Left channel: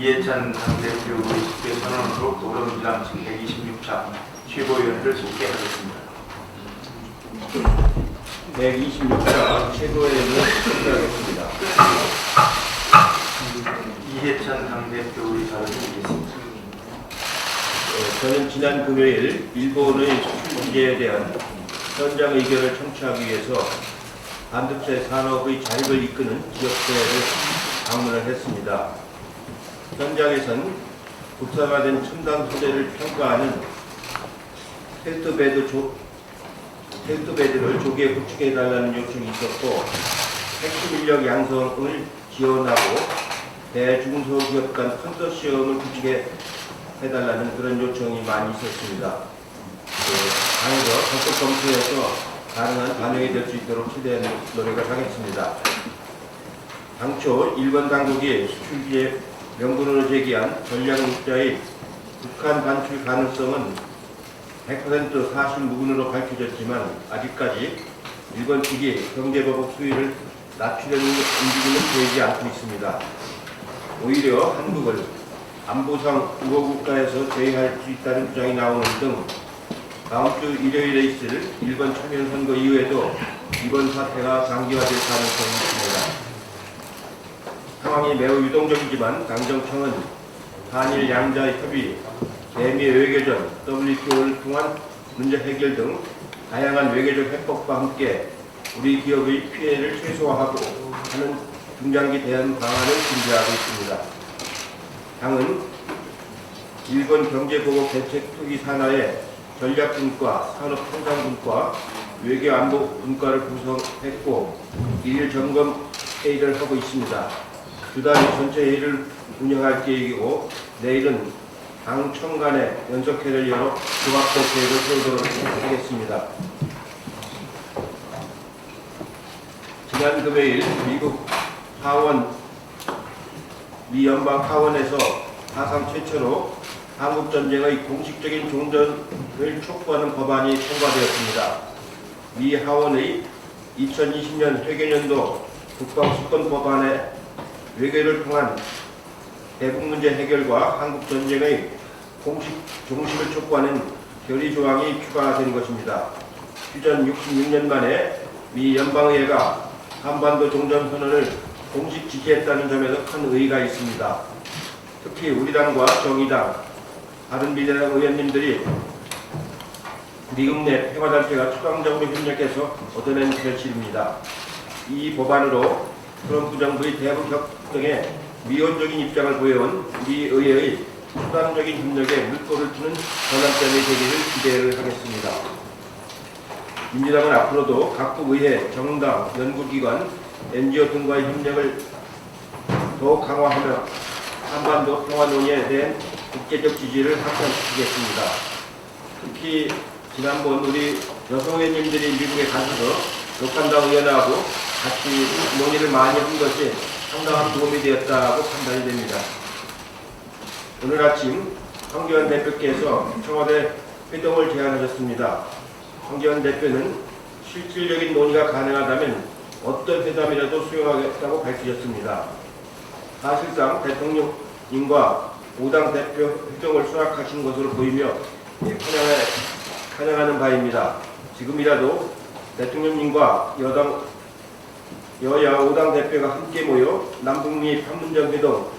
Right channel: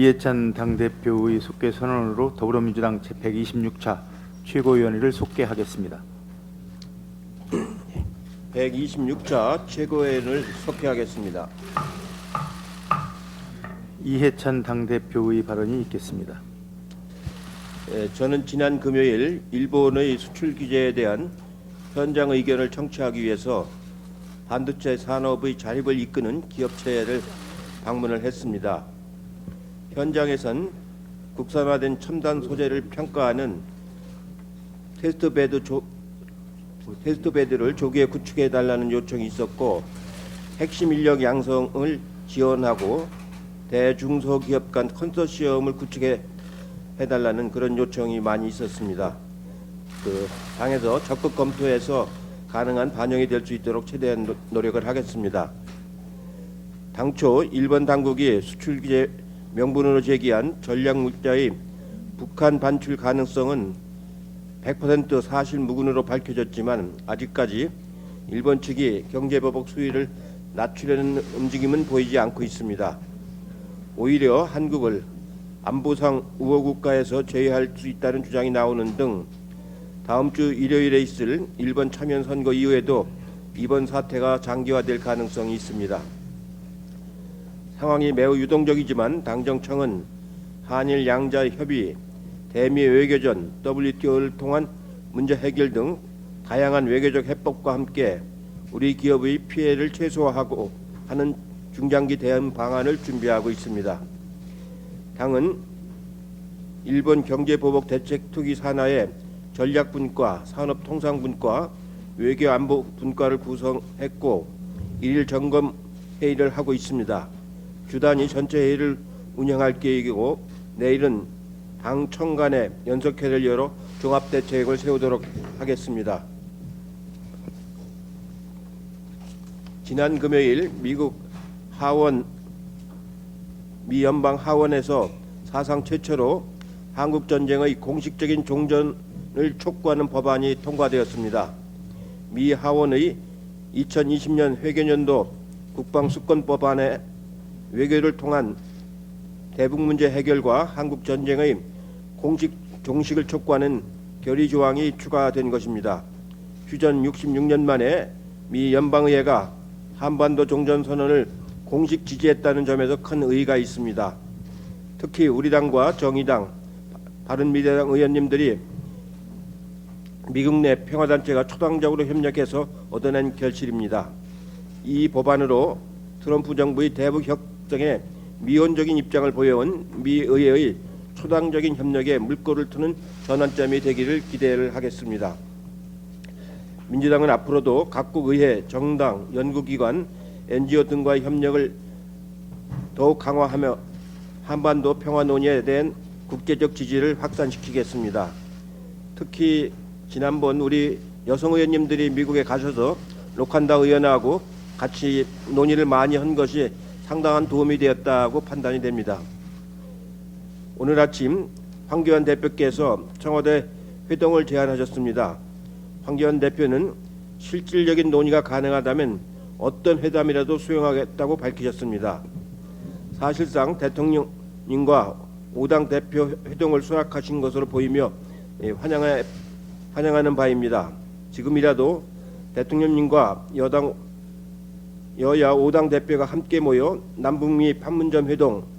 이해찬 당대표 의식의 선언으로 더불어민주당 제126차 최고위원회를 속개하겠습니다. 126차 최고위원회를 속개하겠습니다. 이해찬 당대표의 발언이 있겠습니다. 저는 지난 금요일 일본의 수출 규제에 대한 현장 의견을 청취하기 위해서 반도체 산업의 자립을 이끄는 기업체를 방문을 했습니다. 현장에선 국산화된 첨단 소재를 평가하는 테스트베드를 조기에 구축해달라는 요청이 있었고, 핵심 인력 양성을 지원하고 대중소기업 간 컨소시엄을 구축해달라는 그런 요청이 많이 있었습니다. 당에서 적극 검토해서 가능한 반영이 될 수 있도록 최대한 노력을 하겠습니다. 당초 일본 당국이 수출 규제 명분으로 제기한 전략문자의 북한 반출 가능성은 100% 사실 무근으로 밝혀졌지만 아직까지 일본 측이 경제보복 수위를 낮추려는 움직임은 보이지 않고 있습니다. 오히려 한국을 안보상 우호국가에서 제외할 수 있다는 주장이 나오는 등 다음 주 일요일에 있을 일본 참여선거 이후에도 이번 사태가 장기화될 가능성이 있습니다. 상황이 매우 유동적이지만 당정청은 한일 양자 협의, 대미 외교전, WTO를 통한 문제 해결 등 다양한 외교적 해법과 함께 우리 기업의 피해를 최소화하고 하는 중장기 대응 방안을 준비하고 있습니다. 당은 일본 경제보복 대책 투기 산하의 전략분과, 산업통상분과, 외교안보분과를 구성했고 일 점검 회의를 하고 있습니다. 주단위 전체 회의를 운영할 계획이고 내일은 당청 간의 연석회를 열어 종합적 계획을 세우도록 하겠습니다. 지난 금요일 미국 하원 미 연방 하원에서 사상 최초로 한국전쟁의 공식적인 종전을 촉구하는 법안이 통과되었습니다. 미 하원의 2020년 회계년도 국방수권법안에 외교를 통한 대북문제 해결과 한국전쟁의 공식 종식을 촉구하는 결의조항이 추가된 것입니다. 휴전 66년 만에 미 연방의회가 한반도 종전선언을 공식 지지했다는 점에서 큰 의의가 있습니다. 특히 우리 당과 정의당, 바른미래당 의원님들이 미국 내 평화단체가 추방적으로 협력해서 얻어낸 결실입니다. 이 법안으로 트럼프 정부의 대북 협정에 미온적인 입장을 보여온 미 의회의 수단적인 협력에 물꼬를 트는 전환점이 되기를 기대를 하겠습니다. 민주당은 앞으로도 각국 의회, 정당, 연구기관, NGO 등과의 협력을 더욱 강화하며 한반도 평화 논의에 대한 국제적 지지를 확산시키겠습니다. 특히 지난번 우리 여성 의원님들이 미국에 가셔서 녹한당 의원하고 같이 논의를 많이 한 것이 상당한 도움이 되었다고 판단이 됩니다. 오늘 아침 황교안 대표께서 청와대 회동을 제안하셨습니다. 황교안 대표는 실질적인 논의가 가능하다면 어떤 회담이라도 수용하겠다고 밝히셨습니다. 사실상 대통령님과 5당 대표 회동을 수락하신 것으로 보이며 환영하는 바입니다. 지금이라도 대통령님과 여야 5당 대표가 함께 모여 남북미 판문점 회동,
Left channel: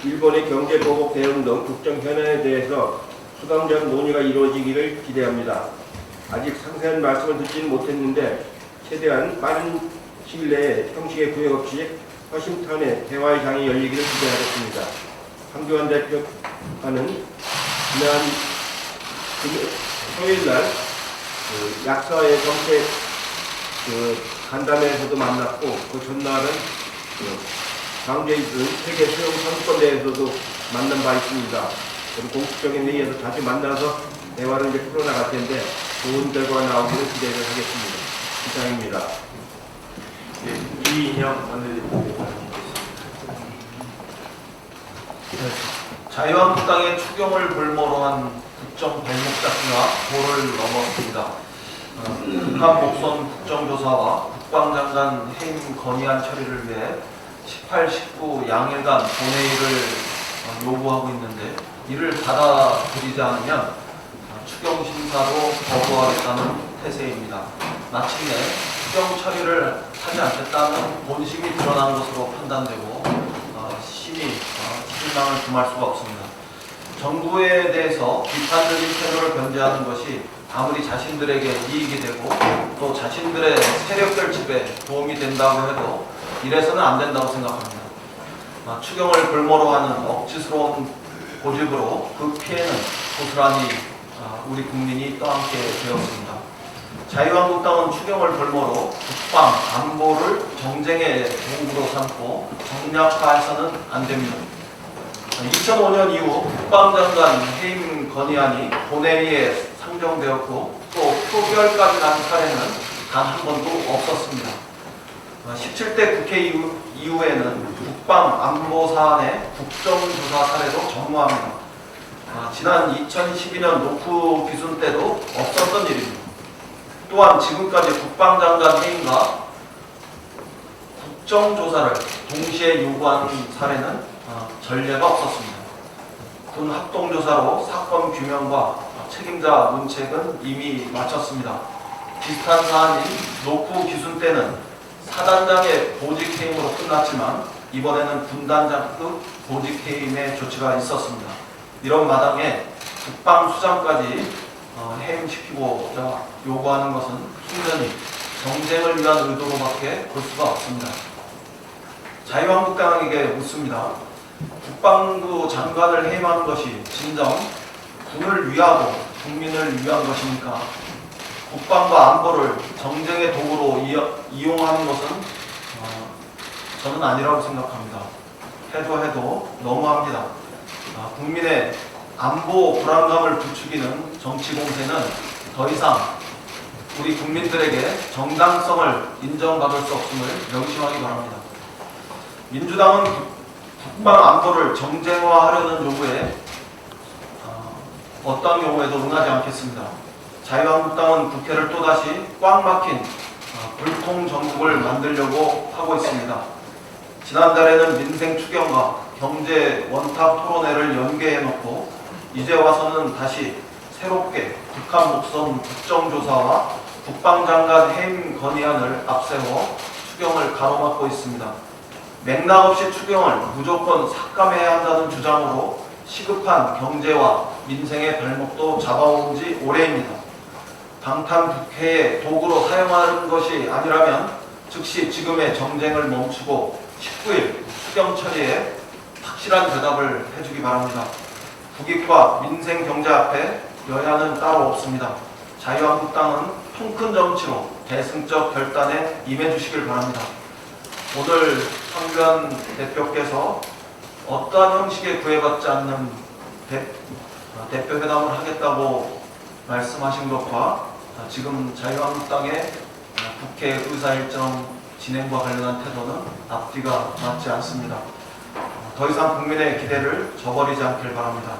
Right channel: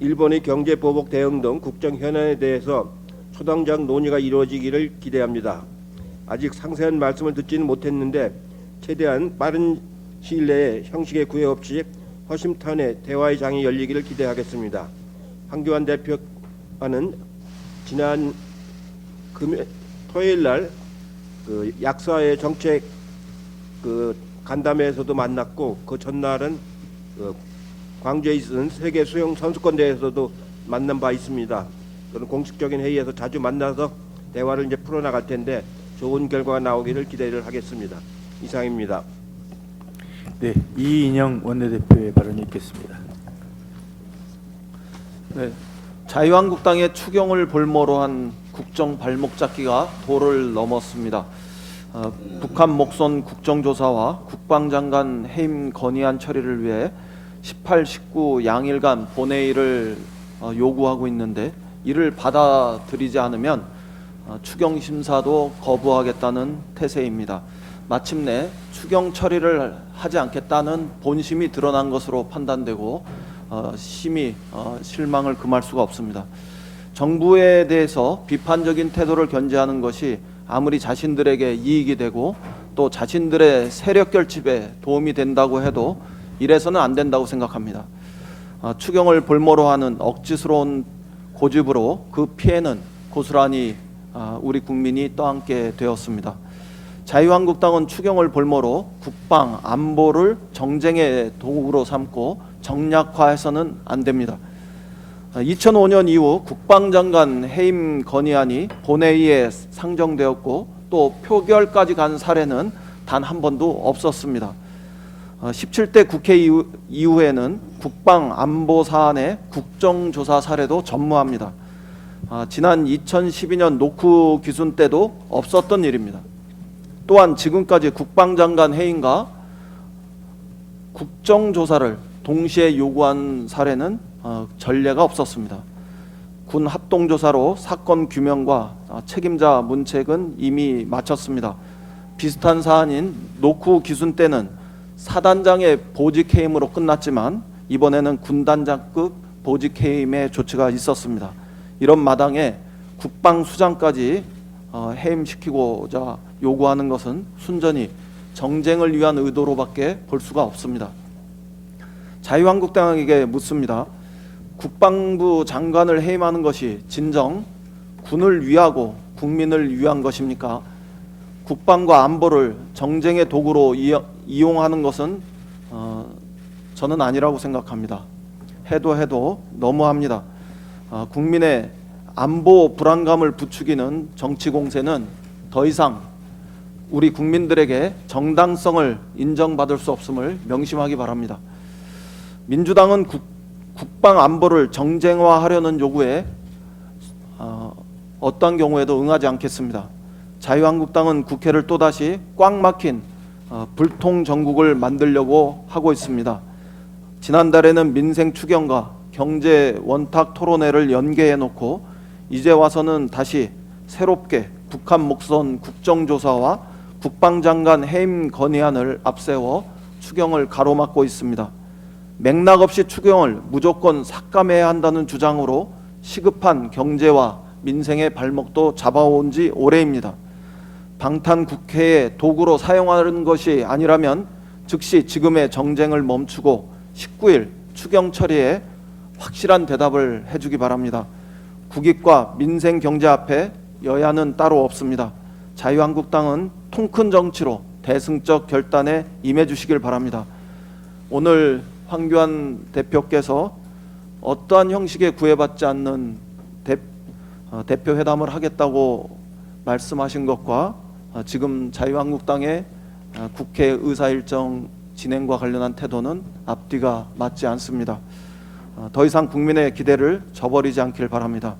일본의 경제보복 대응 등 국정 현안에 대해서 수당적 논의가 이루어지기를 기대합니다. 아직 상세한 말씀을 듣지는 못했는데 최대한 빠른 시일 내에 형식의 구애 없이 허심탄회 대화의 장이 열리기를 기대하겠습니다. 황교안 대표와는 지난 토요일날 약사의 정책 간담회에서도 만났고 그 전날은 광주에 있는 세계 수영 선수권대회에서도 만난 바 있습니다. 공식적인 회의에서 자주 만나서 대화를 이제 풀어나갈 텐데 좋은 결과가 나오기를 기대를 하겠습니다. 이상입니다. 네, 이인영 원내대표의 발언이 있겠습니다. 네, 자유한국당의 추경을 볼모로 한 국정 발목잡기가 도를 넘었습니다. 북한 목선 국정조사와 국방장관 해임 건의안 처리를 위해 18, 19 양일간 본회의를 요구하고 있는데 이를 받아들이지 않으면 추경 심사도 거부하겠다는 태세입니다. 마침내 추경 처리를 하지 않겠다는 본심이 드러난 것으로 판단되고 심히 실망을 금할 수가 없습니다. 정부에 대해서 비판적인 태도를 견지하는 것이 아무리 자신들에게 이익이 되고 또 자신들의 세력 결집에 도움이 된다고 해도 이래서는 안 된다고 생각합니다. 추경을 볼모로 하는 억지스러운 고집으로 그 피해는 고스란히 우리 국민이 떠안게 되었습니다. 자유한국당은 추경을 볼모로 국방, 안보를 정쟁의 도구로 삼고 정략화해서는 안 됩니다. 2005년 이후 국방장관 해임 건의안이 본회의에 상정되었고 또 표결까지 간 사례는 단 한 번도 없었습니다. 17대 국회 이후에는 국방 안보 사안의 국정조사 사례도 전무합니다. 지난 2012년 노크 귀순 때도 없었던 일입니다. 또한 지금까지 국방장관 해임과 국정조사를 동시에 요구한 사례는 전례가 없었습니다. 군 합동조사로 사건 규명과 책임자 문책은 이미 마쳤습니다. 비슷한 사안인 노크 귀순 때는 사단장의 보직해임으로 끝났지만 이번에는 군단장급 보직해임의 조치가 있었습니다. 이런 마당에 국방수장까지 해임시키고자 요구하는 것은 순전히 정쟁을 위한 의도로밖에 볼 수가 없습니다. 자유한국당에게 묻습니다. 국방부 장관을 해임하는 것이 진정 군을 위하고 국민을 위한 것입니까? 국방과 안보를 정쟁의 도구로 이용하는 것은 저는 아니라고 생각합니다. 해도 너무합니다. 국민의 안보 불안감을 부추기는 정치 공세는 더 이상 우리 국민들에게 정당성을 인정받을 수 없음을 명심하기 바랍니다. 민주당은 국방 안보를 정쟁화하려는 요구에 어떤 경우에도 응하지 않겠습니다. 자유한국당은 국회를 또다시 꽉 막힌 불통 정국을 만들려고 하고 있습니다. 지난달에는 민생 추경과 경제 원탁 토론회를 연계해놓고 이제 와서는 다시 새롭게 북한 목선 국정조사와 국방장관 해임 건의안을 앞세워 추경을 가로막고 있습니다. 맥락 없이 추경을 무조건 삭감해야 한다는 주장으로 시급한 경제와 민생의 발목도 잡아온 지 오래입니다. 방탄 국회의 도구로 사용하는 것이 아니라면 즉시 지금의 정쟁을 멈추고 19일 추경 처리에 확실한 대답을 해주기 바랍니다. 국익과 민생 경제 앞에 여야는 따로 없습니다. 자유한국당은 통큰 정치로 대승적 결단에 임해주시길 바랍니다. 오늘 황교안 대표께서 어떠한 형식에 구애받지 않는 대표 회담을 하겠다고 말씀하신 것과 지금 자유한국당의 국회 의사일정 진행과 관련한 태도는 앞뒤가 맞지 않습니다. 더 이상 국민의 기대를 저버리지 않길 바랍니다.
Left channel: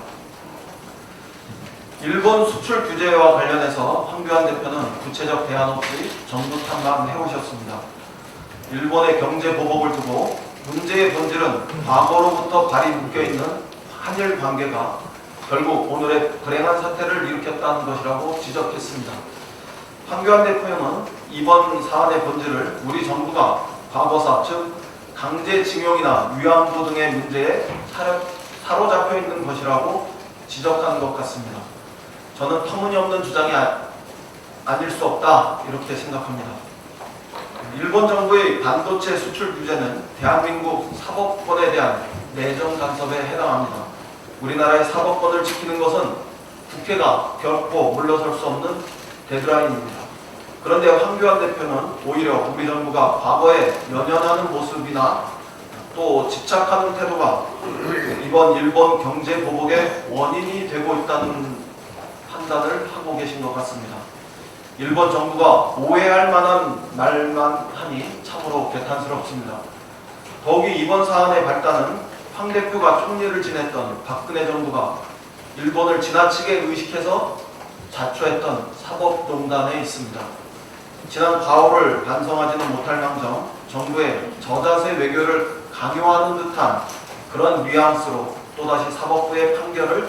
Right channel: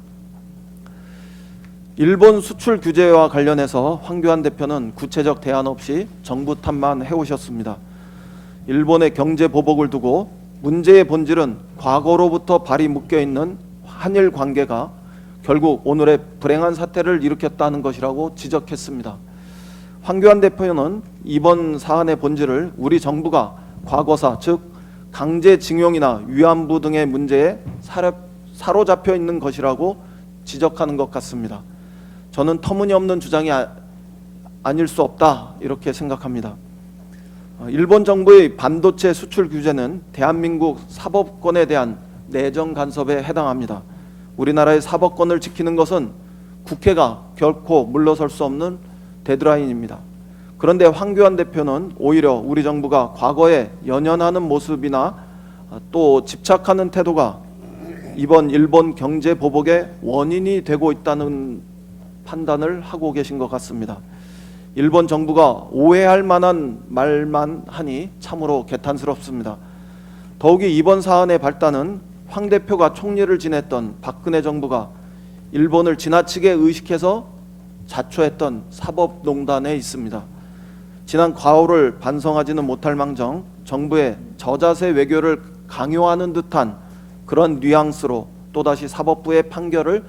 일본 수출 규제와 관련해서 황교안 대표는 구체적 대안 없이 정부 탓만 해오셨습니다. 일본의 경제 보복을 두고 문제의 본질은 과거로부터 발이 묶여있는 한일 관계가 결국 오늘의 불행한 사태를 일으켰다는 것이라고 지적했습니다. 황교안 대표는 이번 사안의 본질을 우리 정부가 과거사, 즉 강제징용이나 위안부 등의 문제에 사로잡혀 있는 것이라고 지적하는 것 같습니다. 저는 터무니없는 주장이 아닐 수 없다 이렇게 생각합니다. 일본 정부의 반도체 수출 규제는 대한민국 사법권에 대한 내정 간섭에 해당합니다. 우리나라의 사법권을 지키는 것은 국회가 결코 물러설 수 없는 데드라인입니다. 그런데 황교안 대표는 오히려 우리 정부가 과거에 연연하는 모습이나 또 집착하는 태도가 이번 일본 경제 보복의 원인이 되고 있다는 판단을 하고 계신 것 같습니다. 일본 정부가 오해할 만한 말만 하니 참으로 개탄스럽습니다. 더욱이 이번 사안의 발단은 황 대표가 총리를 지냈던 박근혜 정부가 일본을 지나치게 의식해서 자초했던 사법농단에 있습니다. 지난 과오를 반성하지는 못할 망정 정부의 저자세 외교를 강요하는 듯한 그런 뉘앙스로 또다시 사법부의 판결을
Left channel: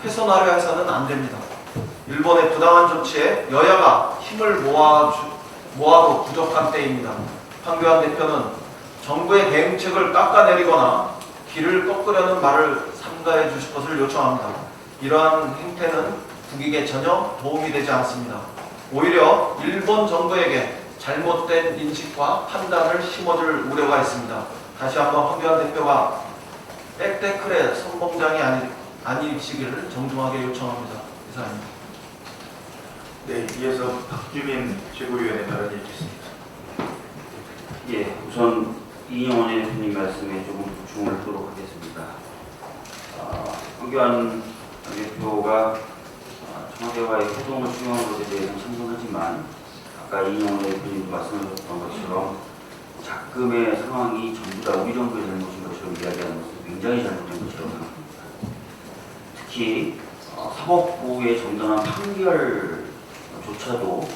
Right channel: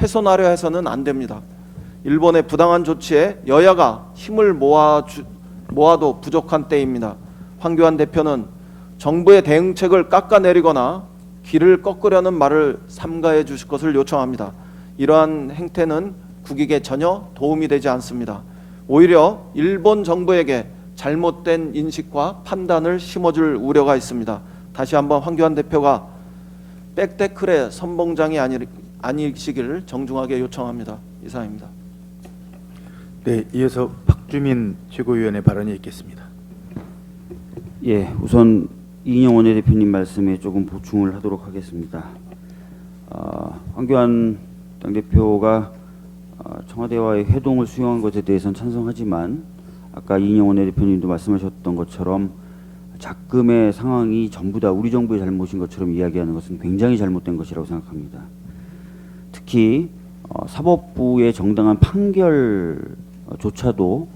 훼손하려 해서는 안 됩니다. 일본의 부당한 조치에 여야가 힘을 모아도 부족한 때입니다. 황교안 대표는 정부의 대응책을 깎아내리거나 길을 꺾으려는 말을 삼가해 주실 것을 요청합니다. 이러한 행태는 국익에 전혀 도움이 되지 않습니다. 오히려 일본 정부에게 잘못된 인식과 판단을 심어줄 우려가 있습니다. 다시 한번 황교안 대표가 백태클의 선봉장이 아니시기를 정중하게 요청합니다. 이상입니다. 네, 이어서 박주민 최고위원의 발언이 있겠습니다. 예, 우선 이인영 원내대표님 말씀에 조금 보충을 하도록 하겠습니다. 황교안 대표가 청와대와의 회동을 수용한 것에 대해서는 찬성하지만 아까 이인영 원내대표님도 말씀하셨던 것처럼 작금의 상황이 전부 다 우리 정부의 잘못인 것처럼 이야기하는 것은 굉장히 잘못된 것이라고 생각합니다. 특히 사법부의 정당한 판결조차도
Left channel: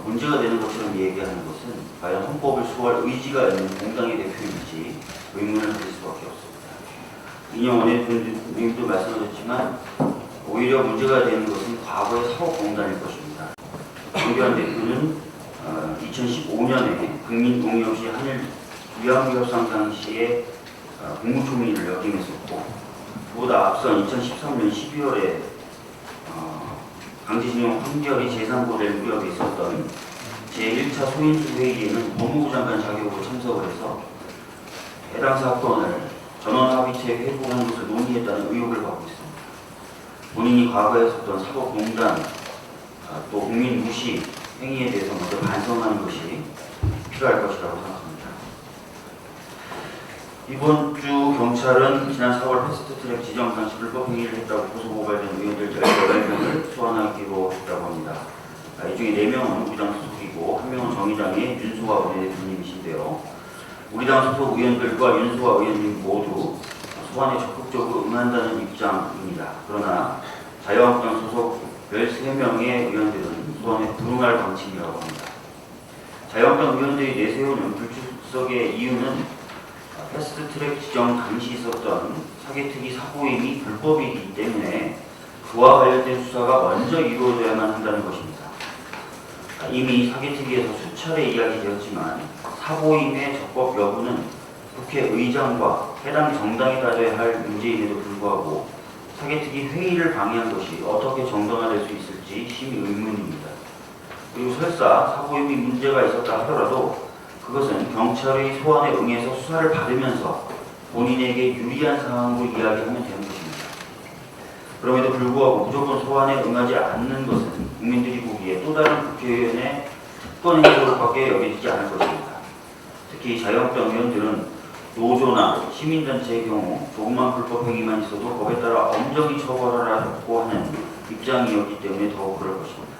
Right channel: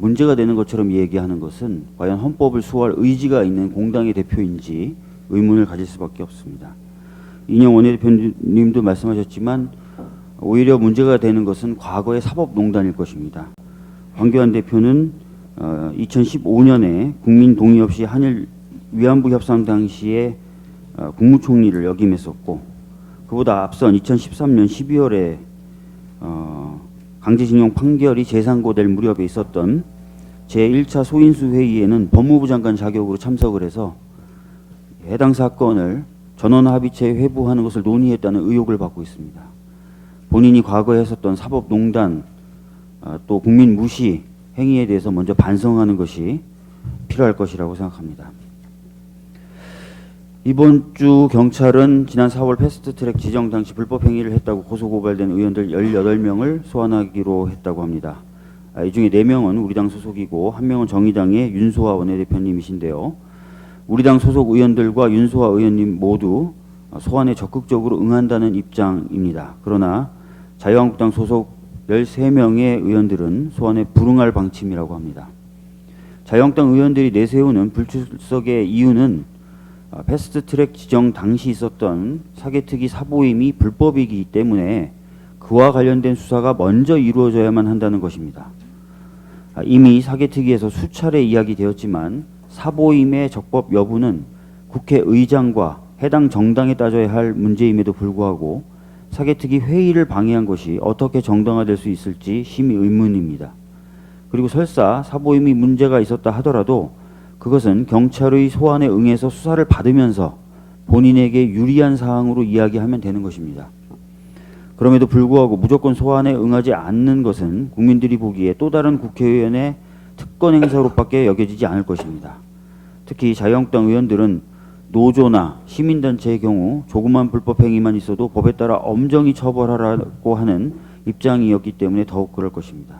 문제가 되는 것처럼 얘기하는 것은 과연 헌법을 수호할 의지가 있는 공당의 대표인지 의문을 가질 수밖에 없습니다. 이인영 원내대표님도 말씀하셨지만 오히려 문제가 되는 것은 과거의 사법농단일 것입니다. 황교안 대표는 2015년에 국민 동의 없이 한일 위안부 협상 당시에 국무총리를 역임했었고, 그보다 앞선 2013년 12월에 강제징용 판결이 재상고될 무렵에 있었던 제1차 소인수 회의에는 법무부 장관 자격으로 참석을 해서 해당 사건을 전원합의체에 회부하는 것을 논의했다는 의혹을 받고 있습니다. 본인이 과거에 했었던 사법농단, 또 국민 무시 행위에 대해서 먼저 반성하는 것이 필요할 것이라고 생각합니다. 이번 주 경찰은 지난 4월 패스트트랙 지정 당시 불법 행위를 했다고 고소고발된 의원들 18명을 소환하기로 했다고 합니다. 이 중에 4명은 우리당 소속이고 1명은 정의당의 윤소아 원내대표님이신데요. 우리당 소속 의원들과 윤소아 의원님 모두 소환에 적극적으로 응한다는 입장입니다. 그러나 자유한국당 소속 13명의 의원들은 소환에 불응할 방침이라고 합니다. 자유한국당 의원들이 내세우는 불출석의 이유는 패스트트랙 지정 당시 있었던 사개특위 사보임이 불법이기 때문에 그와 관련된 수사가 먼저 이루어져야만 한다는 것입니다. 이미 사개특위에서 수차례 이야기되었지만 사보임의 적법 여부는 국회의장과 해당 정당에 따져야 할 문제임에도 불구하고 사개특위 회의를 방해한 것이 어떻게 정당화될 수 있을지 심히 의문입니다. 그리고 설사 사보임이 문제가 있었다 하더라도 그것은 경찰의 소환에 응해서 수사를 받으면서 본인에게 유리한 사항으로 이야기하면 되는 것입니다. 그럼에도 불구하고 무조건 소환에 응하지 않는 것은 국민들이 보기에 또 다른 국회의원의 특권 행사로밖에 여겨지지 않을 것입니다. 특히 자유한국당 의원들은 노조나 시민단체의 경우 조그만 불법 행위만 있어도 법에 따라 엄정히 처벌하라고 하는 입장이었기 때문에 더욱 그럴 것입니다.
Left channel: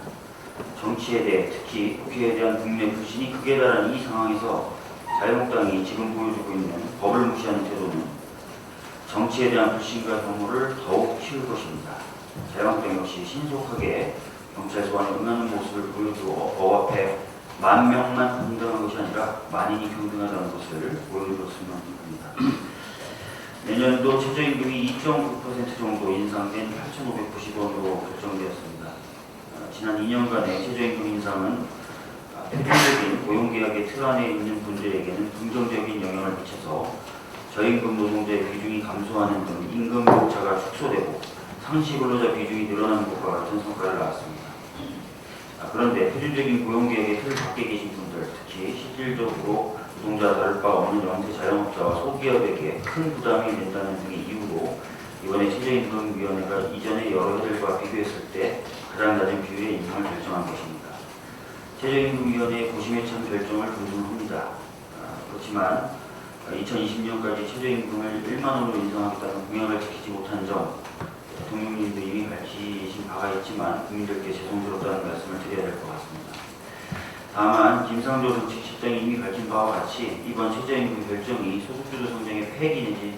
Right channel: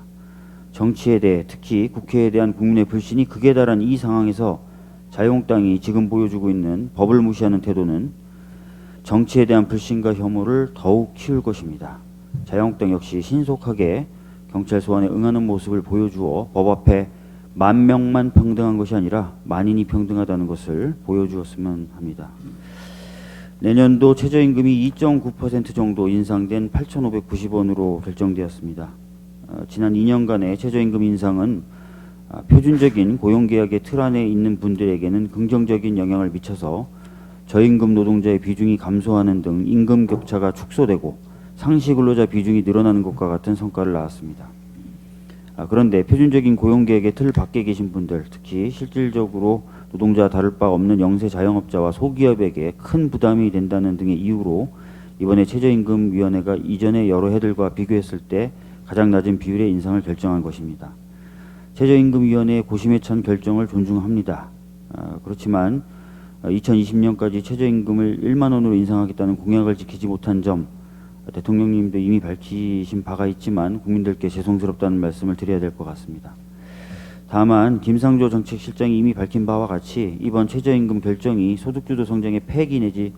정치에 대해, 특히 국회에 대한 국민의 불신이 극에 달한 이 상황에서 자유한국당이 지금 보여주고 있는 법을 무시하는 태도는 정치에 대한 불신과 혐오를 더욱 키울 것입니다. 자유한국당 역시 신속하게 경찰 소환에 응하는 모습을 보여주어 법 앞에 10,000명만 평등한 것이 아니라 만인이 평등하다는 것을 보여주었으면 합니다. 내년도 최저임금이 2.9% 정도 인상된 8,590원으로 결정되었습니다. 지난 2년간의 최저임금 인상은 표준적인 고용계약의 틀 안에 있는 분들에게는 긍정적인 영향을 미쳐서 저임금 노동자의 비중이 감소하는 등 임금 격차가 축소되고 상시 근로자 비중이 늘어나는 것과 같은 성과를 낳았습니다. 그런데 표준적인 고용계약의 틀 밖에 계신 분들, 특히 실질적으로 노동자와 다를 바 없는 영세 자영업자와 소기업에게 큰 부담이 된다는 등의 이유로 이번에 최저임금위원회가 이전의 여러 해들과 비교했을 때 가장 낮은 비율의 인상을 결정한 것입니다. 최저임금위원회의 고심에 찬 결정을 존중합니다. 그렇지만 2020년까지 최저임금을 1만 원으로 인상하겠다는 공약을 지키지 못한 점, 대통령님도 이미 밝히신 바가 있지만 국민들께 죄송스럽다는 말씀을 드려야 될 것 같습니다. 다만 김상조 정책실장이 이미 밝힌 바와 같이 이번 최저임금 결정이 소득주도 성장의 폐기 내지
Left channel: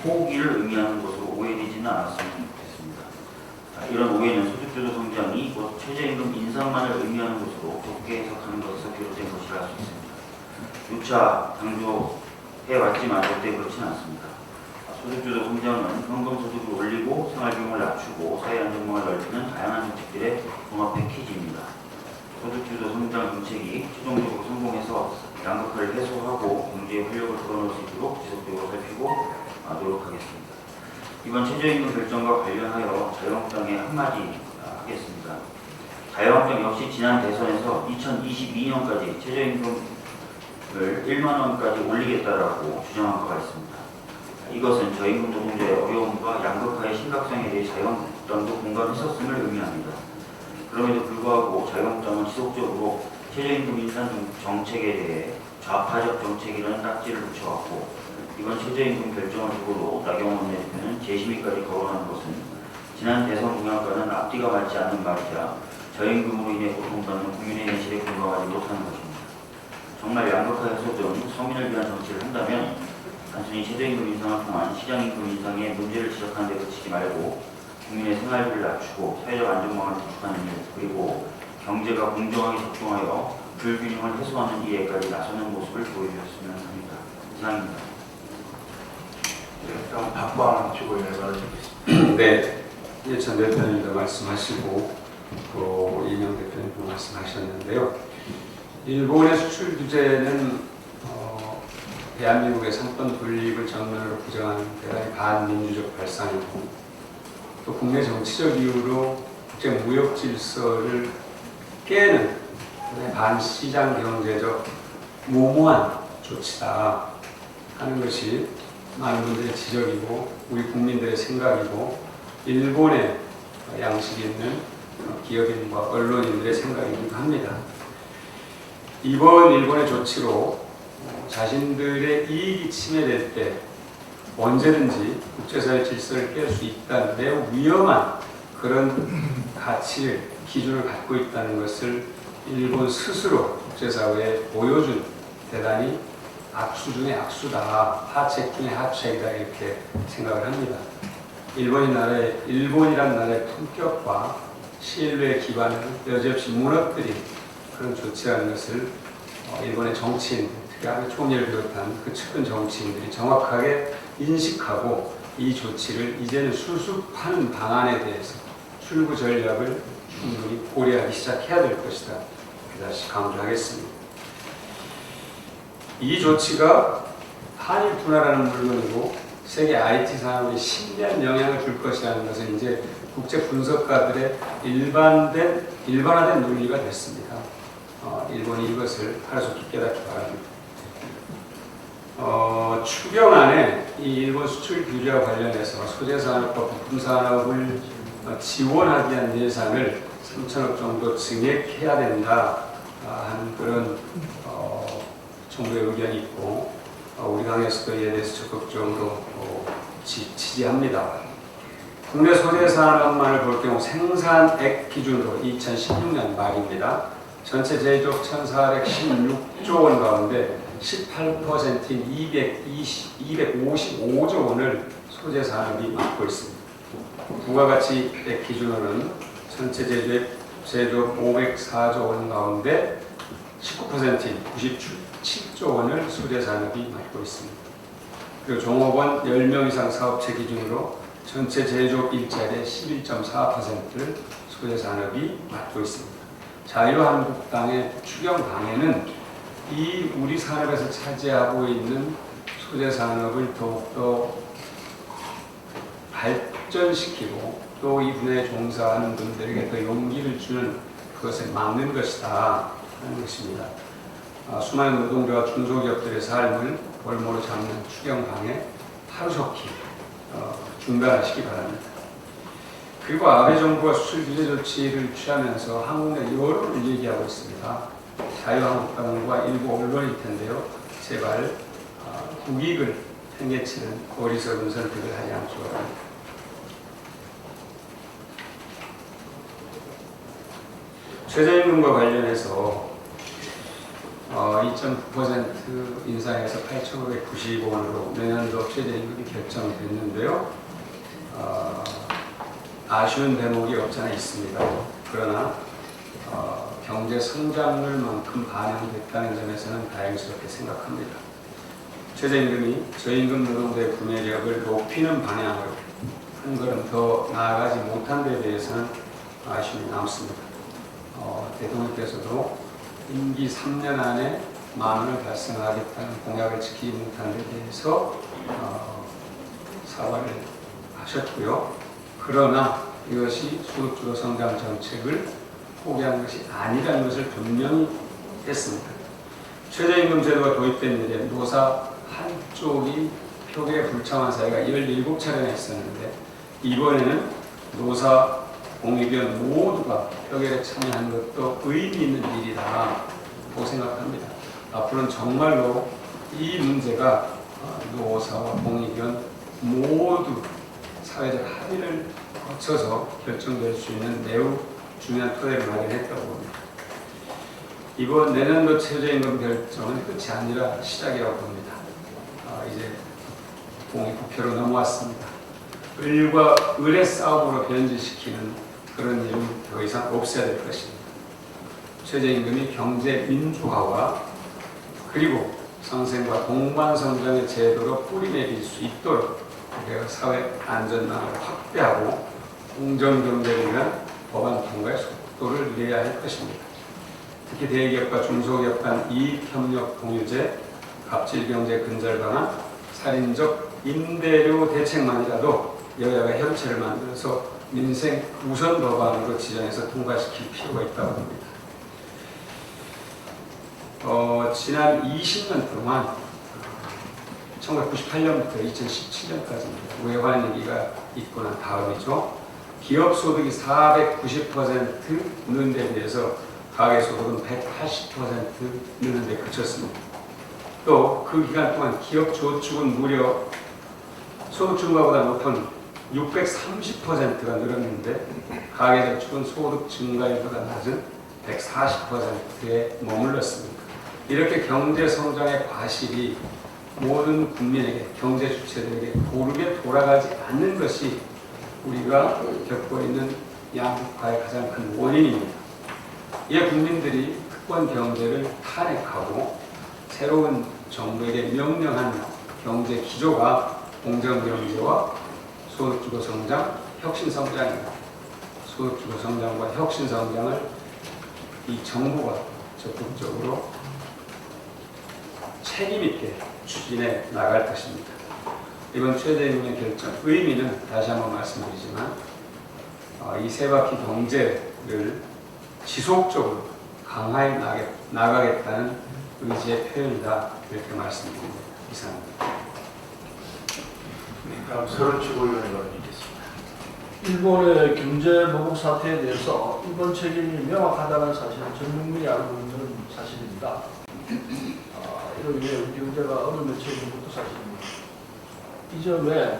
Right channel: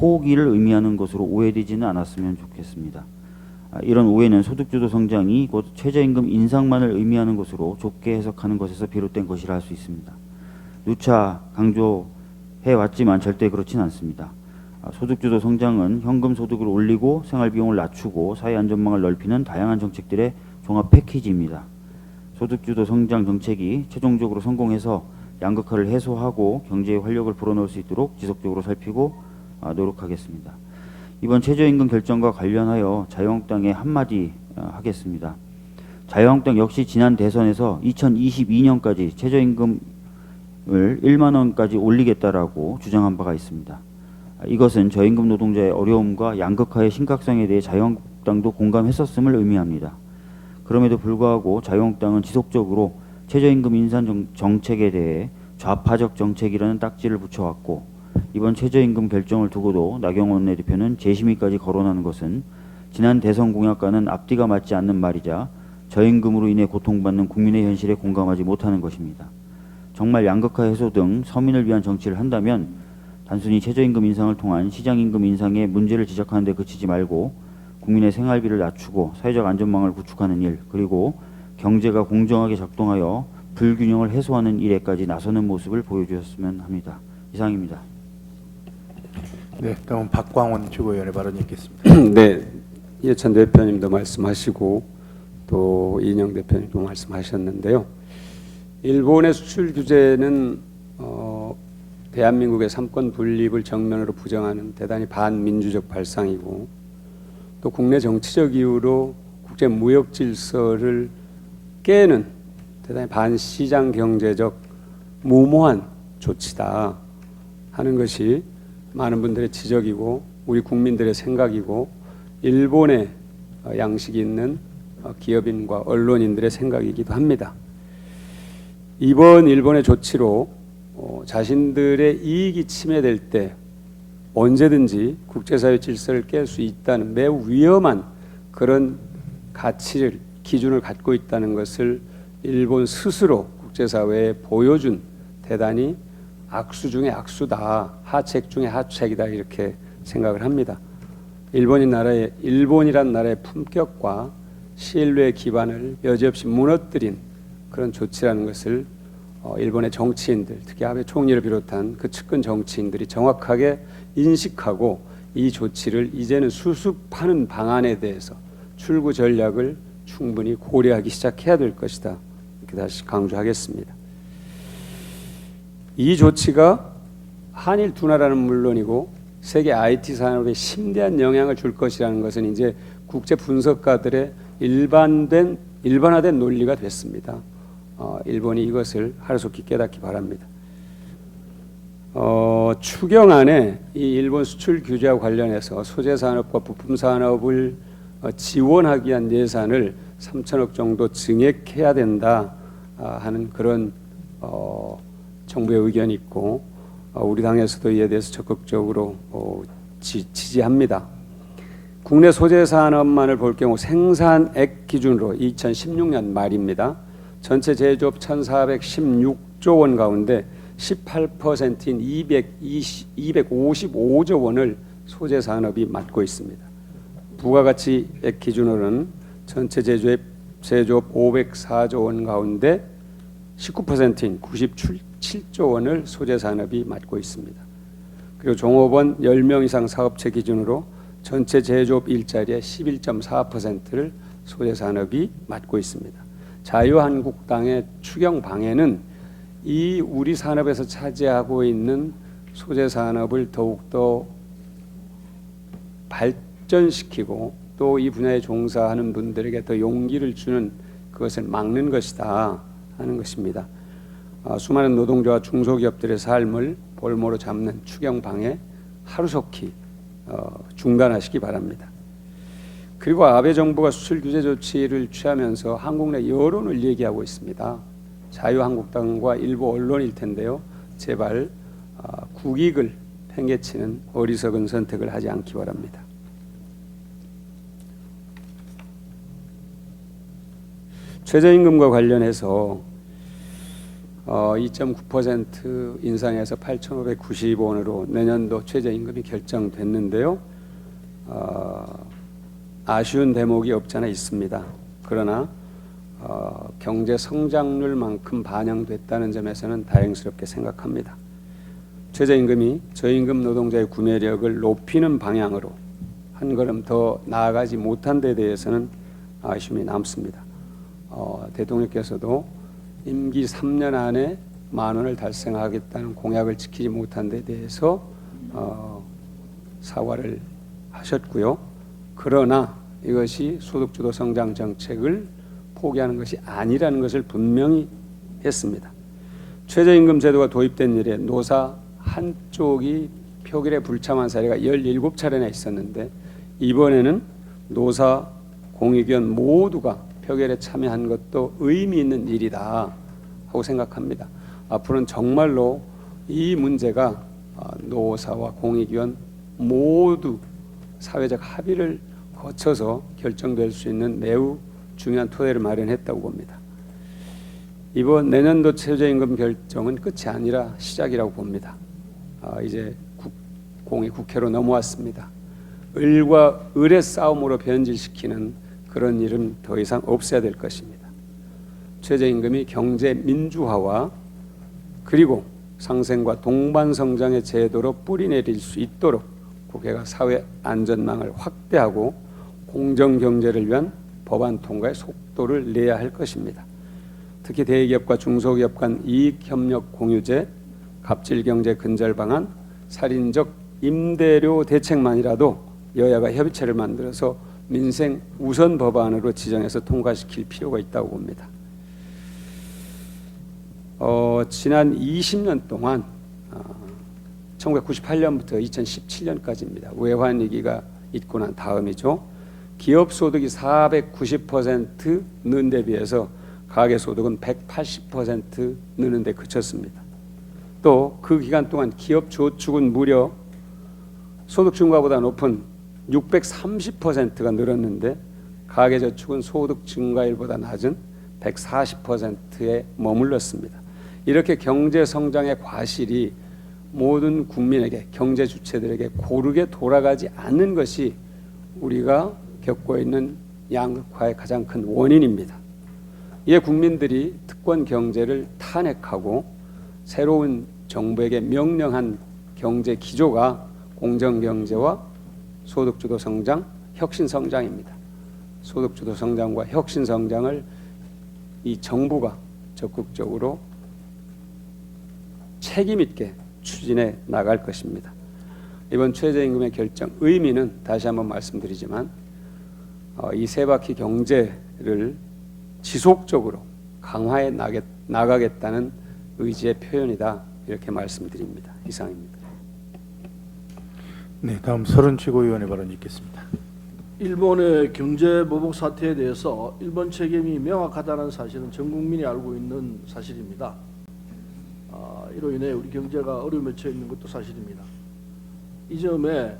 포기를 의미하는 것으로 오해되지는 않았으면 좋겠습니다. 이런 오해는 소득주도 성장이 곧 최저임금 인상만을 의미하는 것으로 좁게 해석하는 것에서 비롯된 것이라 할 수 있습니다. 누차 해왔지만 절대 그렇진 않습니다. 소득주도 성장은 현금 소득을 올리고 생활비용을 낮추고 사회 안전망을 넓히는 다양한 정책들의 종합 패키지입니다. 소득주도 성장 정책이 최종적으로 성공해서 양극화를 해소하고 경제의 활력을 불어넣을 수 있도록 지속적으로 살피고 노력하겠습니다. 이번 최저임금 결정과 관련하여 자유한국당에 한마디 하겠습니다. 자유한국당 역시 지난 대선에서 2022년까지 최저임금을 1만원까지 올리겠다라고 주장한 바가 있습니다. 이것은 저임금 노동자의 어려움과 양극화의 심각성에 대해 자유한국당도 공감했었음을 의미합니다. 그럼에도 불구하고 자유한국당은 지속적으로 최저임금 인상 정책에 대해 좌파적 정책이라는 딱지를 붙여왔고 이번 최저임금 결정을 두고도 나경원 원내대표는 재심의까지 거론한 것은 지난 대선 공약과는 앞뒤가 맞지 않는 말이자 저임금으로 인해 고통받는 국민의 현실에 공감하지 못하는 것입니다. 정말 양극화 해소 등 서민을 위한 정치를 한다면 단순히 최저임금 인상을 통한 시장임금 인상에 문제를 지적하는 데 그치지 말고 국민의 생활비를 낮추고 사회적 안전망을 구축하는 일 그리고 경제가 공정하게 작동하여 불균형을 해소하는 일에까지 나서는 모습을 보여주셨으면 합니다. 이상입니다. 네, 그럼 박광 최고위원의 발언이 있겠습니다. 네, 이해찬 대표님도 말씀하시고 또 이인영 대표님도 말씀하셨는데요. 일본의 수출 규제는 대한민국의 선권 분립을 정면으로 부정한 대단히 반민주적 발상이고 또 국내 정치적 이유로 국제 무역 질서를 깨는 대단히 반시장 경제적 무모한 조치다 하는 것이 많은 분들의 지적이고 우리 국민들의 생각이고 일본의 양식이 있는 기업인과 언론인들의 생각이기도 합니다. 이번 일본의 조치로 자신들의 이익이 침해될 때 언제든지 국제사회 질서를 깰 수 있다는 매우 위험한 그런 가치를 기준을 갖고 있다는 것을 일본 스스로 국제사회에 보여준 대단히 악수 중에 악수다, 하책 중에 하책이다 이렇게 생각을 합니다. 일본이란 나라의 품격과 신뢰 기반을 여지없이 무너뜨린 그런 조치라는 것을 일본의 정치인들, 특히 아베 총리를 비롯한 그 측근 정치인들이 정확하게 인식하고 이 조치를 이제는 수습하는 방안에 대해서 출구 전략을 충분히 고려하기 시작해야 될 것이다. 다시 강조하겠습니다. 이 조치가 한일 분화라는 물론이고 세계 IT 산업에 심대한 영향을 줄 것이라는 것은 이제 국제 분석가들의 일반화된 논리가 됐습니다. 일본이 이것을 하루속히 깨닫기 바랍니다. 추경안에 이 일본 수출 규제와 관련해서 소재 산업과 부품 산업을 지원하기 위한 예산을 3천억 정도 증액해야 된다 하는 그런 정부의 의견이 있고 우리 당에서도 이에 대해서 적극적으로 지지합니다. 국내 소재 산업만을 볼 경우 생산액 기준으로 2016년 말입니다. 전체 제조업 1,416조 원 가운데 18%인 255조 원을 소재 산업이 맡고 있습니다. 부가가치액 기준으로는 전체 제조업 504조 원 가운데 19%인 97조 원을 소재 산업이 맡고 있습니다. 그리고 종업원 10명 이상 사업체 기준으로 전체 제조업 일자리의 11.4%를 소재 산업이 맡고 있습니다. 자유한국당의 추경당에는 이 우리 산업에서 차지하고 있는 소재 산업을 더욱더 발전시키고 또 이 분야에 종사하는 분들에게 더 용기를 주는 그것을 막는 것이다 하는 것입니다. 수많은 노동자와 중소기업들의 삶을 볼모로 잡는 추경방해 하루속히 중단하시기 바랍니다. 그리고 아베 정부가 수출 규제 조치를 취하면서 한국 내 여론을 얘기하고 있습니다. 자유한국당과 일부 언론일 텐데요. 제발 국익을 팽개치는 어리석은 선택을 하지 않기 바랍니다. 최저임금과 관련해서 2.9% 인상해서 8,590원으로 내년도 최저임금이 결정됐는데요. 아쉬운 대목이 없잖아 있습니다. 그러나 경제 성장률만큼 반영됐다는 점에서는 다행스럽게 생각합니다. 최저임금이 저임금 노동자의 구매력을 높이는 방향으로 한 걸음 더 나아가지 못한 데 대해서는 아쉬움이 남습니다. 대통령께서도 임기 3년 안에 10,000원을 달성하겠다는 공약을 지키지 못한 데 대해서 사과를 하셨고요. 그러나 이것이 소득주도 성장 정책을 포기하는 것이 아니라는 것을 분명히 했습니다. 최저임금 제도가 도입된 이래 노사 한쪽이 표결에 불참한 사례가 17차례나 있었는데 이번에는 노사 공익위원 모두가 표결에 참여한 것도 의미 있는 일이라고 생각합니다. 앞으로는 정말로 이 문제가 노사와 공익위원 모두 사회적 합의를 거쳐서 결정될 수 있는 매우 중요한 토대를 마련했다고 봅니다. 이번 내년도 최저임금 결정은 끝이 아니라 시작이라고 봅니다. 이제 국회로 넘어왔습니다. 을과 을의 싸움으로 변질시키는 그런 일은 더 이상 없어야 될 것입니다. 최저임금이 경제 민주화와 그리고 상생과 동반 성장의 제도로 뿌리내릴 수 있도록 국회가 사회 안전망을 확대하고 공정 경제를 위한 법안 통과의 속도를 내야 할 것입니다. 특히 대기업과 중소기업 간 이익협력 공유제, 갑질경제 근절 방안, 살인적 임대료 대책만이라도 여야가 협의체를 만들어서 민생 우선 법안으로 지정해서 통과시킬 필요가 있다고 봅니다. 지난 20년 동안 1998년부터 2017년까지입니다. 외환위기가 있고 난 다음이죠. 기업 소득이 490% 는 데 비해서 가계소득은 180% 느는 데 그쳤습니다. 또 그 기간 동안 기업 저축은 무려 소득 증가보다 높은 630%가 늘었는데 가계저축은 소득 증가율보다 낮은 140%에 머물렀습니다. 이렇게 경제성장의 과실이 모든 국민에게, 경제 주체들에게 고르게 돌아가지 않는 것이 우리가 겪고 있는 양극화의 가장 큰 원인입니다. 이에 국민들이 특권 경제를 탄핵하고 새로운 정부에게 명령한 경제 기조가 공정경제와 소득주도 성장, 혁신성장입니다. 소득주도 성장과 혁신성장을 이 정부가 적극적으로 책임있게 추진해 나갈 것입니다. 이번 최저임금의 결정 의미는 다시 한번 말씀드리지만 이 세 바퀴 경제를 지속적으로 강화해 나가겠다는 의지의 표현이다 이렇게 말씀드립니다. 이상입니다. 네, 다음 서른 최고위원의 발언 있겠습니다. 일본의 경제 보복 사태에 대해서 일본 책임이 명확하다는 사실은 전 국민이 알고 있는 사실입니다. 이로 인해 우리 경제가 어려움에 처해진 것도 사실입니다. 이 점에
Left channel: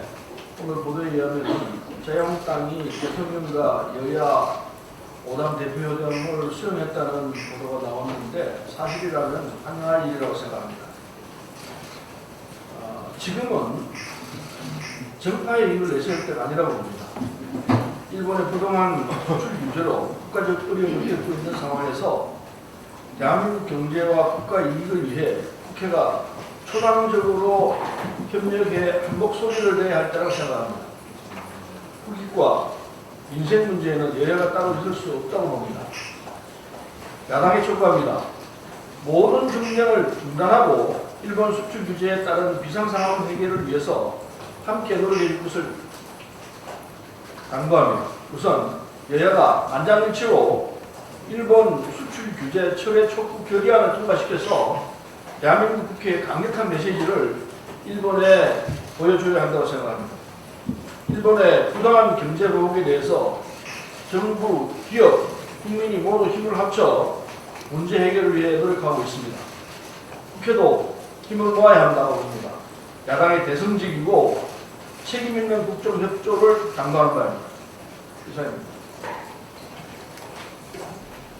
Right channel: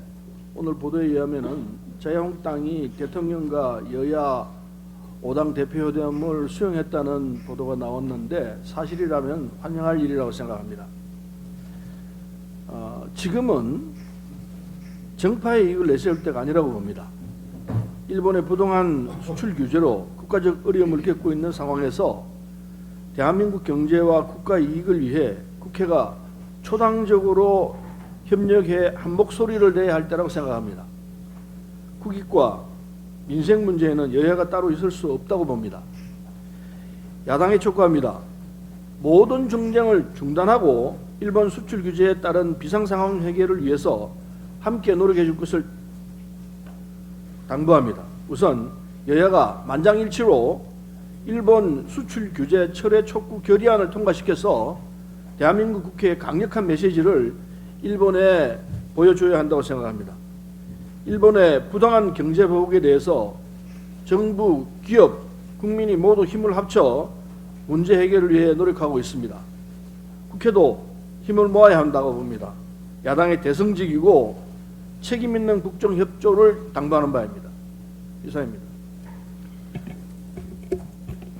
오늘 보도에 의하면 자유한국당이 대통령과 여야 5당 대표회담을 수용했다는 보도가 나왔는데 사실이라면 환영할 일이라고 생각합니다. 지금은 정파의 이익을 내세울 때가 아니라고 봅니다. 일본의 부동산 수출 규제로 국가적 어려움을 겪고 있는 상황에서 대한민국 경제와 국가 이익을 위해 국회가 초당적으로 협력해 한 목소리를 내야 할 때라고 생각합니다. 국익과 민생 문제에는 여야가 따로 있을 수 없다고 봅니다. 야당이 촉구합니다. 모든 정쟁을 중단하고 일본 수출 규제에 따른 비상상황 해결을 위해서 함께 노력해 줄 것을 당부합니다. 우선 여야가 만장일치로 일본 수출 규제 철회 촉구 결의안을 통과시켜서 대한민국 국회에 강력한 메시지를 일본에 보여줘야 한다고 생각합니다. 일본의 부당한 경제 보복에 대해서 정부, 기업, 국민이 모두 힘을 합쳐 문제 해결을 위해 노력하고 있습니다. 국회도 힘을 모아야 한다고 봅니다. 야당이 대승적이고 책임 있는 국정협조를 당부하는 바입니다. 이상입니다.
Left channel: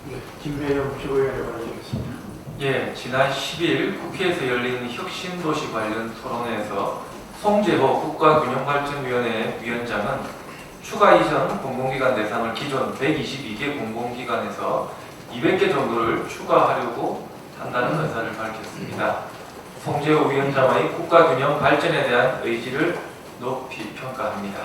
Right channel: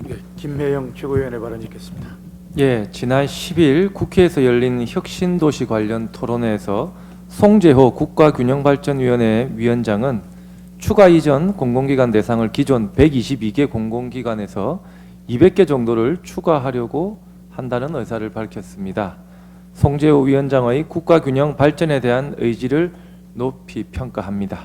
네, 김배영 최고위원의 발언 있겠습니다. 예, 지난 10일 국회에서 열린 혁신도시 관련 토론회에서 송재호 국가균형발전위원회 위원장은 추가 이전 공공기관 대상을 기존 122개 공공기관에서 200개 정도를 추가하려고 한다는 의사를 밝혔습니다. 송재호 위원장의 국가균형 발전에 대한 의지를 높이 평가합니다.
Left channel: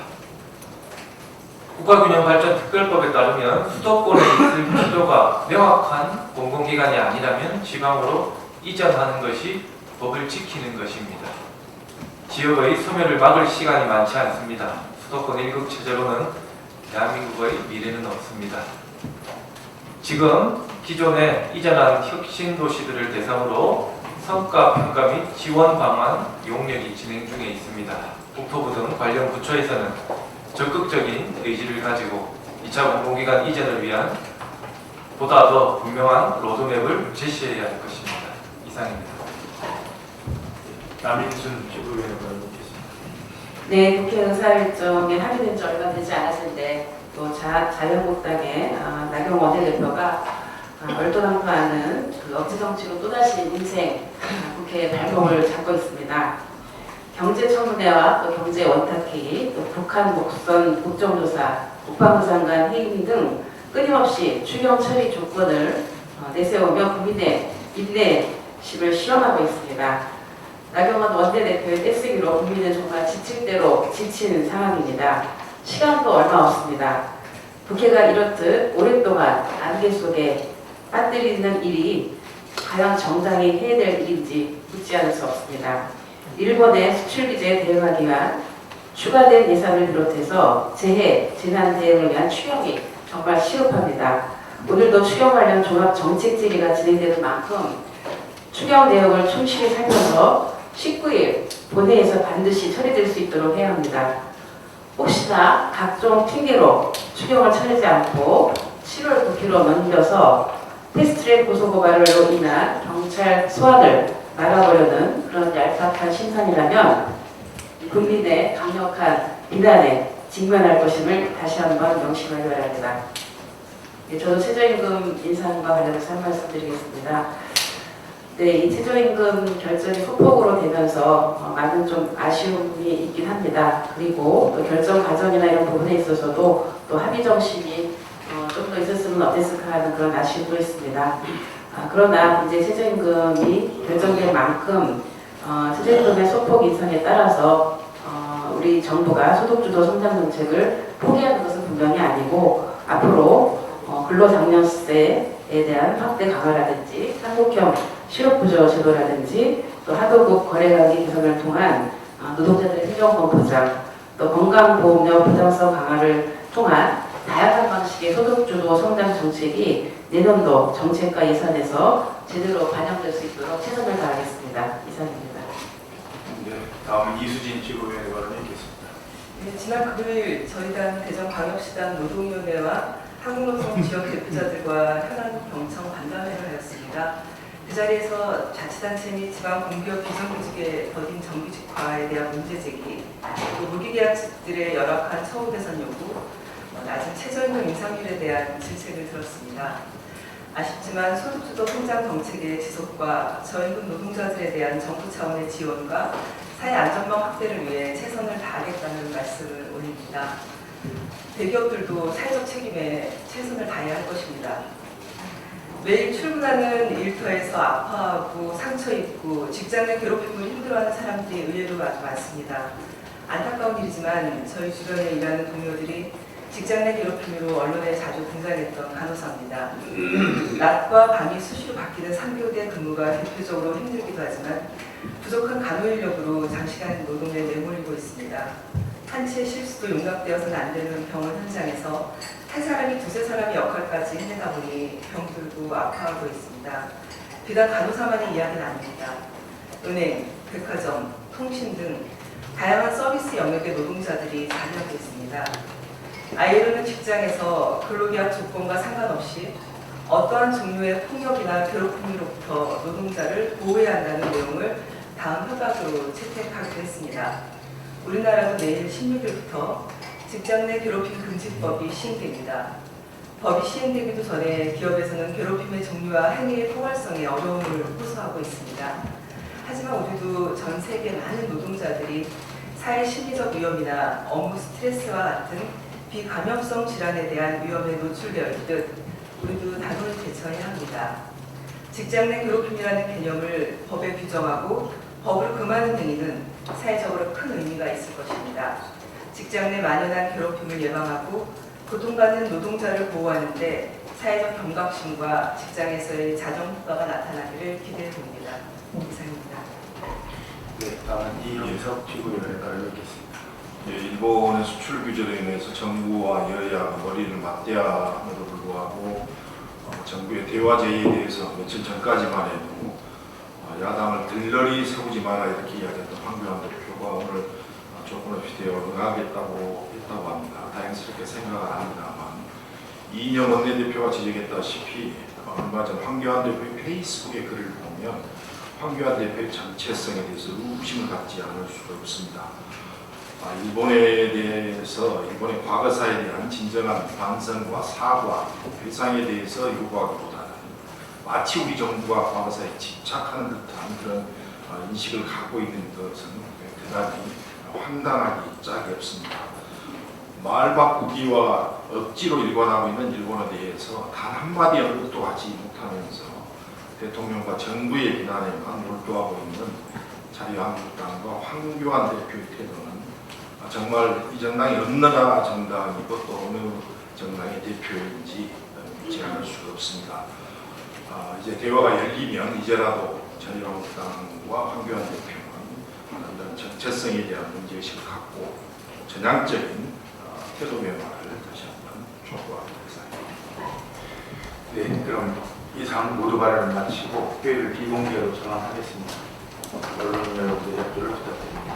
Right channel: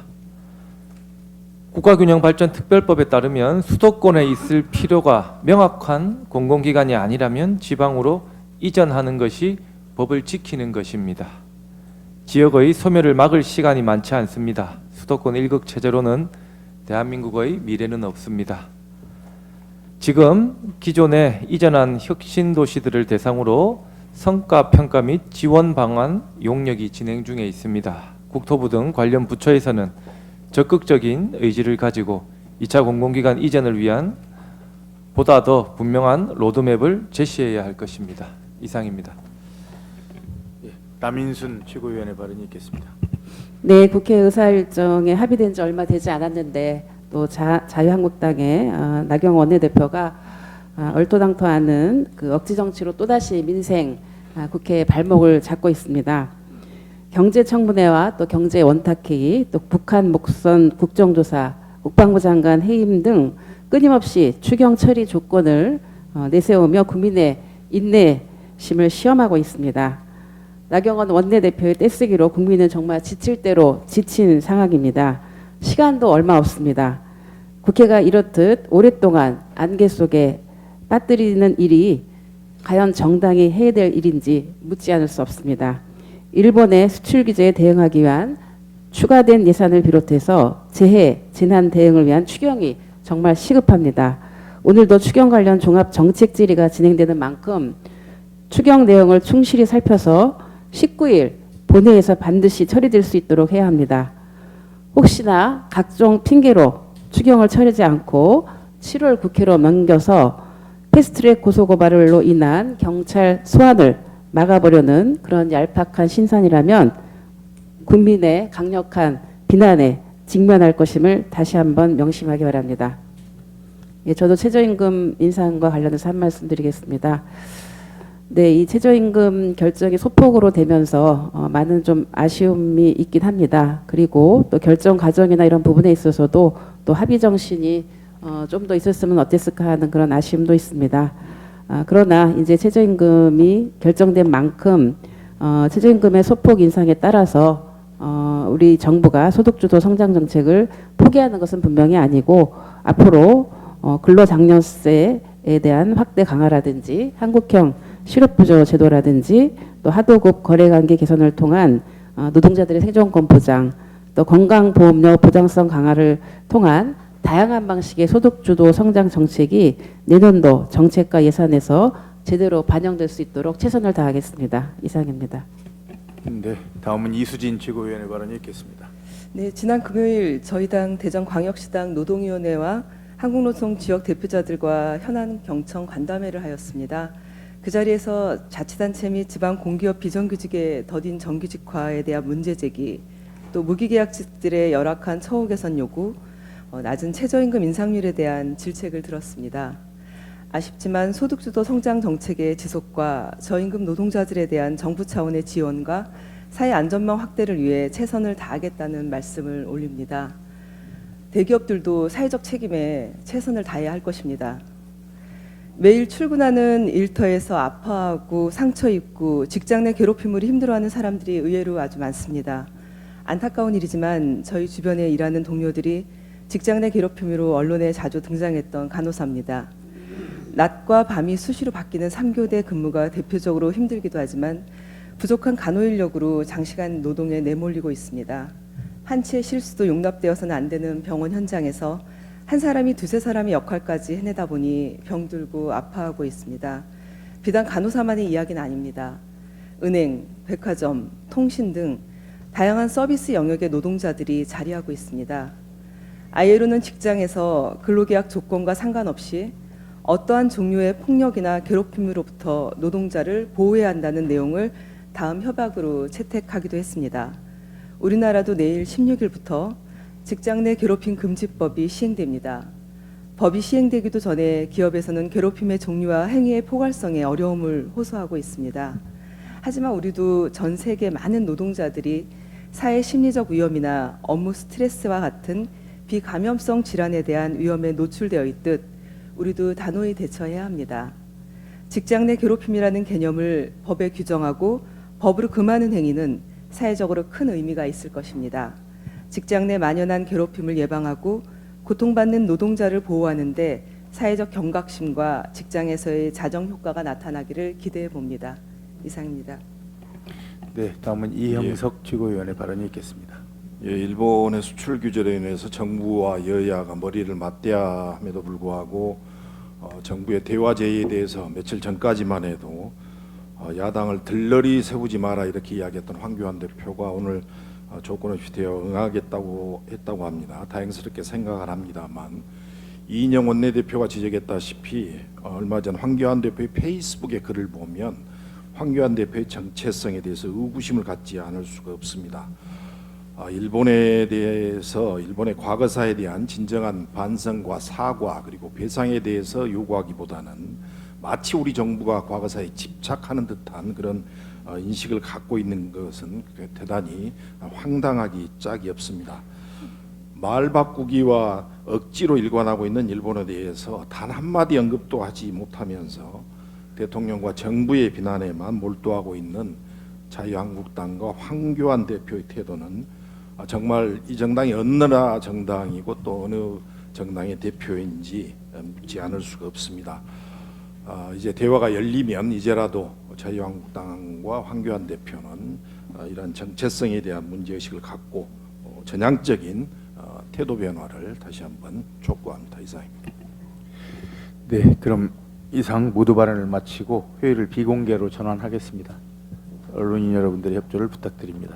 국가균형발전특별법에 따르면 수도권에 있을 필요가 명확한 공공기관이 아니라면 지방으로 이전하는 것이 법을 지키는 것입니다. 지역의 소멸을 막을 시간이 많지 않습니다. 수도권 일극 체제로는 대한민국의 미래는 없습니다. 지금 기존에 이전한 혁신도시들을 대상으로 성과평가 및 지원 방안 용역이 진행 중에 있습니다. 국토부 등 관련 부처에서는 적극적인 의지를 가지고 2차 공공기관 이전을 위한 보다 더 분명한 로드맵을 제시해야 할 것입니다. 이상입니다. 남인순 최고위원의 발언 있겠습니다. 네, 국회 의사일정에 합의된 지 얼마 되지 않았는데 또 자유한국당의 나경원 원내대표가 얼토당토하는 그 억지 정치로 또다시 민생 국회의 발목을 잡고 있습니다. 경제청문회와 또 경제 원탁회의, 또 북한 목선 국정조사, 국방부 장관 해임 등 끊임없이 추경 처리 조건을 내세우며 국민의 인내심을 시험하고 있습니다. 나경원 원내대표의 떼쓰기로 국민은 정말 지칠 대로 지친 상황입니다. 시간도 얼마 없습니다. 국회가 이렇듯 오랫동안 안개 속에 빠뜨리는 일이 과연 정당이 해야 될 일인지 묻지 않을 수 없습니다. 일본의 수출 규제에 대응하기 위한 추가된 예산을 비롯해서 재해, 재난 대응을 위한 추경이 정말 시급합니다. 오늘도 추경 관련 종합 정책 질의가 진행되는 만큼 추경 내용을 충실히 살펴서 19일 본회의에서 반드시 처리될 수 있도록 해야 합니다. 혹시나 각종 핑계로 추경을 처리하지 않고 7월 국회로 넘겨서 패스트트랙 고소고발로 인한 경찰 소환을 막아보려는 그런 얄팍한 심산이라면 국민의 강력한 비난에 직면할 것임을 다시 한번 명심하기 바랍니다. 네, 저도 최저임금 인상과 관련해서 한 말씀 드리겠습니다. 네, 이 최저임금 결정이 소폭으로 되면서 많은 좀 아쉬움이 있긴 합니다. 그리고 또 결정 과정이나 이런 부분에 있어서도 또 합의 정신이 좀 더 있었으면 어땠을까 하는 그런 아쉬움도 있습니다. 그러나 이제 최저임금이 결정된 만큼 최저임금의 소폭 인상에 따라서 우리 정부가 소득주도 성장 정책을 포기하는 것은 분명히 아니고 앞으로 근로장려세에 대한 확대 강화라든지 한국형 실업부조 제도라든지 또 하도급 거래관계 개선을 통한 노동자들의 생존권 보장, 또 건강보험료 보장성 강화를 통한 다양한 방식의 소득주도 성장 정책이 내년도 정책과 예산에서 제대로 반영될 수 있도록 최선을 다하겠습니다. 이상입니다. 네, 다음은 이수진 최고위원의 발언 있겠습니다. 네, 지난 금요일 저희 당 대전광역시당 노동위원회와 한국노총 지역 대표자들과 현안경청 간담회를 하였습니다. 그 자리에서 자치단체 및 지방 공기업 비정규직의 더딘 정규직화에 대한 문제 제기, 또 무기계약직들의 열악한 처우 개선 요구, 낮은 최저임금 인상률에 대한 질책을 들었습니다. 아쉽지만 소득주도 성장 정책의 지속과 저임금 노동자들에 대한 정부 차원의 지원과 사회 안전망 확대를 위해 최선을 다하겠다는 말씀을 올립니다. 대기업들도 사회적 책임에 최선을 다해야 할 것입니다. 매일 출근하는 일터에서 아파하고 상처 입고 직장 내 괴롭힘으로 힘들어하는 사람들이 의외로 아주 많습니다. 안타까운 일이지만 저희 주변에 일하는 동료들이 직장 내 괴롭힘으로 언론에 자주 등장했던 간호사입니다. 낮과 밤이 수시로 바뀌는 3교대 근무가 대표적으로 힘들기도 하지만 부족한 간호 인력으로 장시간 노동에 내몰리고 있습니다. 한치의 실수도 용납되어서는 안 되는 병원 현장에서 한 사람이 두세 사람의 역할까지 해내다 보니 병들고 아파하고 있습니다. 비단 간호사만의 이야기는 아닙니다. 은행, 백화점, 통신 등 다양한 서비스 영역의 노동자들이 자리하고 있습니다. ILO는 직장에서 근로계약 조건과 상관없이 어떠한 종류의 폭력이나 괴롭힘으로부터 노동자를 보호해야 한다는 내용을 다음 협약으로 채택하기도 했습니다. 우리나라도 내일 16일부터 직장 내 괴롭힘 금지법이 시행됩니다. 법이 시행되기도 전에 기업에서는 괴롭힘의 종류와 행위의 포괄성에 어려움을 호소하고 있습니다. 하지만 우리도 전 세계 많은 노동자들이 사회 심리적 위험이나 업무 스트레스와 같은 비감염성 질환에 대한 위험에 노출되어 있듯 우리도 단호히 대처해야 합니다. 직장 내 괴롭힘이라는 개념을 법에 규정하고 법으로 금하는 행위는 사회적으로 큰 의미가 있을 것입니다. 직장 내 만연한 괴롭힘을 예방하고 고통받는 노동자를 보호하는데 사회적 경각심과 직장에서의 자정 효과가 나타나기를 기대해 봅니다. 이상입니다. 네, 다음은 이형석 최고위원의 발언이 있겠습니다. 예, 일본의 수출 규제로 인해서 정부와 여야가 머리를 맞대야 함에도 불구하고 정부의 대화 제의에 대해서 며칠 전까지만 해도 야당을 들러리 세우지 마라 이렇게 이야기했던 황교안 대표가 오늘 조건을 비대어 응하겠다고 했다고 합니다. 다행스럽게 생각을 합니다만 이인영 원내대표가 지적했다시피 얼마 전 황교안 대표의 페이스북에 글을 보면 황교안 대표의 정체성에 대해서 의구심을 갖지 않을 수가 없습니다. 일본에 대해서 일본의 과거사에 대한 진정한 반성과 사과 그리고 배상에 대해서 요구하기보다는 마치 우리 정부가 과거사에 집착하는 듯한 그런 인식을 갖고 있는 것은 대단히 황당하기 짝이 없습니다. 말 바꾸기와 억지로 일관하고 있는 일본에 대해서 단 한마디 언급도 하지 못하면서 대통령과 정부의 비난에만 몰두하고 있는 자유한국당과 황교안 대표의 태도는 정말 이 정당이 어느 나라 정당이고 또 어느 정당의 대표인지 묻지 않을 수가 없습니다. 이제 대화가 열리면 이제라도 자유한국당과 황교안 대표는 이런 정체성에 대한 문제의식을 갖고 전향적인 태도 변화를 다시 한번 촉구하는 이상입니다. 네, 그럼 이상 모두 발언을 마치고 회의를 비공개로 전환하겠습니다. 언론 여러분들의 협조를 부탁드립니다.